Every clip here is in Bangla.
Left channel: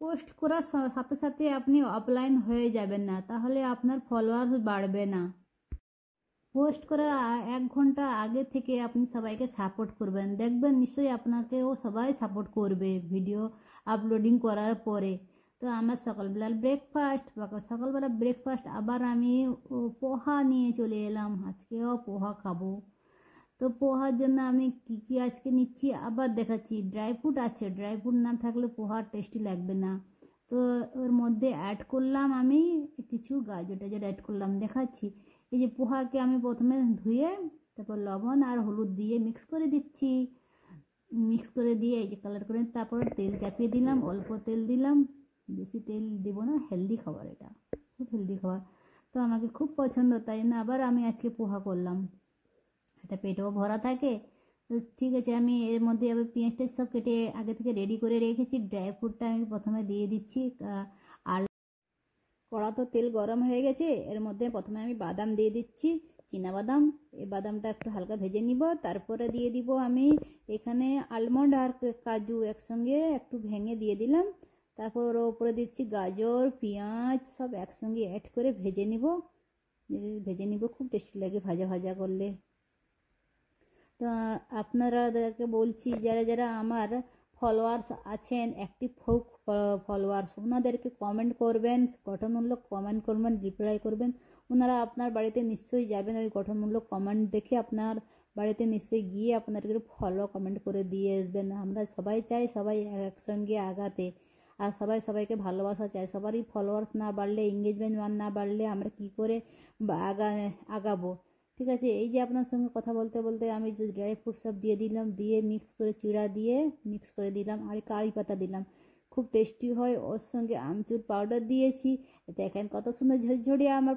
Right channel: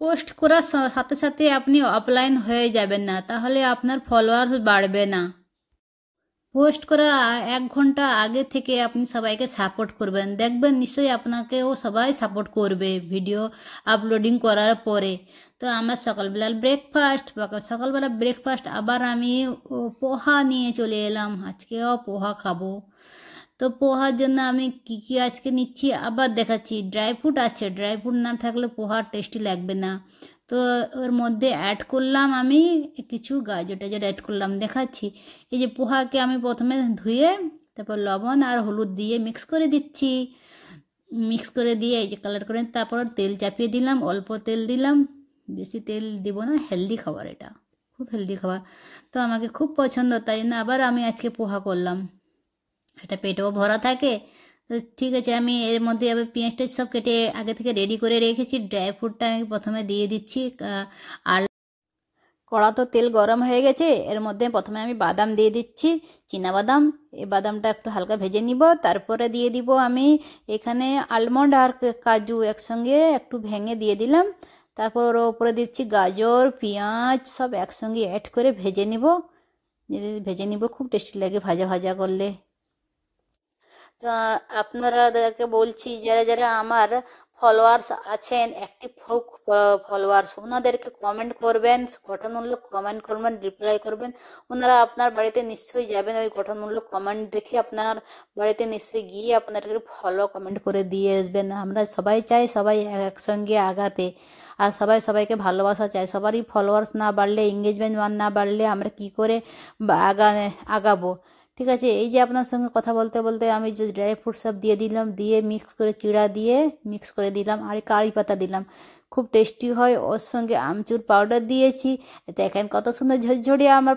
পোস্ট করার সাথে সাথে আপনি অফলাইন হয়ে যাবেন না, তাহলে আপনার ফলোয়ার্স বাড়বে না। পোস্ট করার 1 ঘন্টা আগে থেকে আপনি সবাইকে সাপোর্ট করবেন, দেখবেন নিশ্চয়ই আপনাকেও সবাই সাপোর্ট করবে ভিডিও আপলোডিং করার পরে। তো আমার সকালবেলা ব্রেকফাস্ট আবার আমি পোহা নিয়ে চলে এলাম, আজকেও পোহা খাবো। তো পোহার জন্য আমি কি কি আজকে নিচ্ছি আবার দেখাচ্ছি। ড্রাই ফ্রুট আছে, ড্রাই ফ্রুট না থাকলে পোহার টেস্টি লাগবে না। তো ওর মধ্যে অ্যাড করলাম আমি কিছু গাজর টাজর অ্যাড করলাম, দেখাচ্ছি। এই যে পোহাকে আমি প্রথমে ধুয়ে তারপর লবণ আর হলুদ দিয়ে মিক্স করে দিচ্ছি। মিক্স করে দিয়ে এই যে কালার করে তারপর তেল চাপিয়ে দিলাম, অল্প তেল দিলাম, বেশি তেল দিব না, হেলদি খাবার এটা, খুব হেলদি খাবার। তো আমাকে খুব পছন্দ, তাই জন্য আবার আমি আজকে পোহা করলাম, এটা পেটেও ভরা থাকে। তো ঠিক আছে, আমি এর মধ্যে আবার পেঁয়াজটা সব কেটে আগে থেকে রেডি করে রেখেছি। ড্রাই ফ্রুটটা আমি প্রথমে দিয়ে দিচ্ছি। আর কড়া তো তেল গরম হয়ে গেছে, এর মধ্যে প্রথমে আমি বাদাম দিয়ে দিচ্ছি, বাদাম। এই বাদামটা একটু হালকা ভেজে নিব, তারপরে দিয়ে দিব আমি এখানে আলমন্ড আর কাজু একসঙ্গে একটু ভেঙে দিয়ে দিলাম। তারপর ওর ওপরে দিচ্ছি গাজর, পেঁয়াজ সব একসঙ্গে অ্যাড করে ভেজে নিব, খুব টেস্টি লাগে ভাজা ভাজা করলে। আপনারাদেরকে বলছি, যারা যারা আমার ফলোয়ার্স আছেন, অ্যাক্টিভ ফলোয়ার্স, ওনাদেরকে কমেন্ট করবেন, গঠনমূলক কমেন্ট করবেন, রিপ্লাই করবেন। ওনারা আপনার বাড়িতে নিশ্চয়ই যাবেন, ওই গঠনমূলক কমেন্ট দেখে আপনার বাড়িতে নিশ্চয়ই গিয়ে আপনাদেরকে ফলো কমেন্ট করে দিয়ে আসবেন। আমরা সবাই চাই সবাই একসঙ্গে আগাতে, আর সবাই সবাইকে ভালোবাসা চাই। সবারই ফলোয়ার্স না বাড়লে, এঙ্গেজমেন্ট না বাড়লে আমরা কি করে আগাবো। ঠিক আছে, এই যে আপনার সঙ্গে কথা বলতে বলতে আমি যে ড্রাই ফ্রুট সব দিয়ে দিলাম, দিয়ে মিক্স করে চিড়া দিয়ে মিক্স করে দিলাম, আর কারি পাতা দিলাম, খুব টেস্টি হয়। ওর সঙ্গে আমচুর পাউডার দিয়েছি। দেখেন কত সুন্দর ঝরঝরিয়ে আমার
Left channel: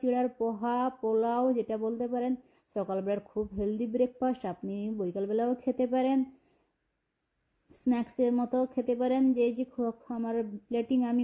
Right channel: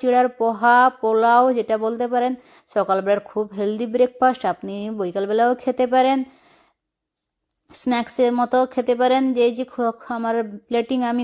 চিড়ার পোহা, পোলাও যেটা বলতে পারেন। সকালবেলার খুব হেলদি ব্রেকফাস্ট, আপনি বিকালবেলাও খেতে পারেন, স্ন্যাক্সের মতো খেতে পারেন। যে আমার প্লেটিং আমি